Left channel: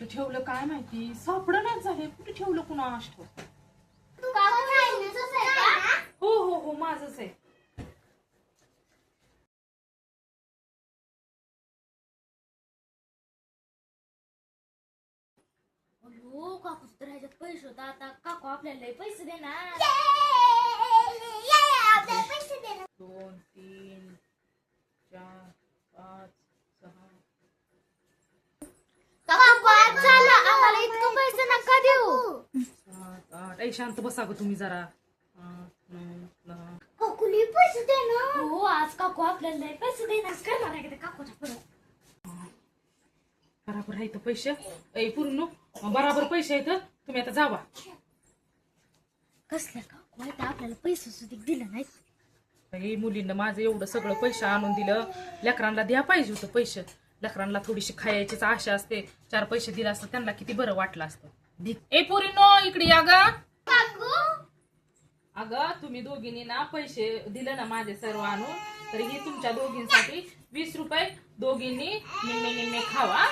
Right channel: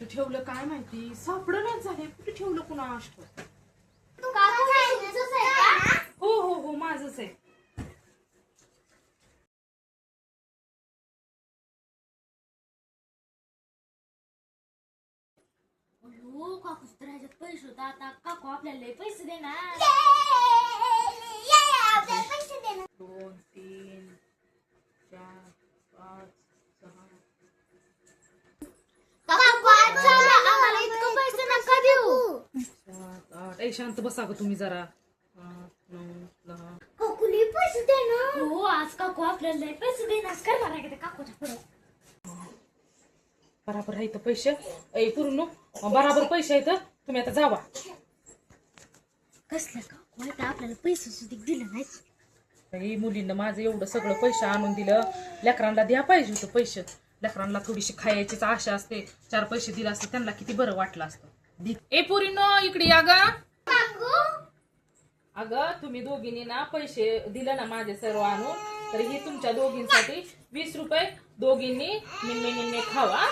कुठे ठेवलं काय माहिती, सापडणच झाले. कुठे ठेवलं कुणास ठाऊक. हो हो हो माझंच आहे. अयो काकू तर ह्याच्यात पैसे होता. आता काकू आपल्याला लय पैसे देणार. 2 3 4 5 6 आम्हाला इतकं पैसे नका देऊ. 7 8. ए शांत बसा ग तुम्ही जरा. 8 9 10. काकूली पैसे देणार. हो आज काकू आपल्याला लय पैसे देणार. करणार आहे का ते काकूच्या पुढे. बराबर आहे इथं पैसे. ऐ पूर्ण बराबर पैसे आहेत. तुम्ही आता जावा. कसलं काकू आता आपल्याला पैसे सुद्धा दिलं नाही. अरे मुलींना माझं एवढं सगळं पैसे आणून दिलं. लेकरांना द्या पाहिजे होतं पैसे. लेकरांना थोडीशी खायचीच आशा असते. 4 पैसे दिले असते त्यांना किती बरं वाटलं असतं. ए पोरीनो इकडे या गा. अगं तुम्ही दोघींनी ना पैसे दिले ना माझे सर्व आणून, तर ही तुमच्या दोघींसाठी 20 रुपये दोघींनी निम्मे निम्मे खावा.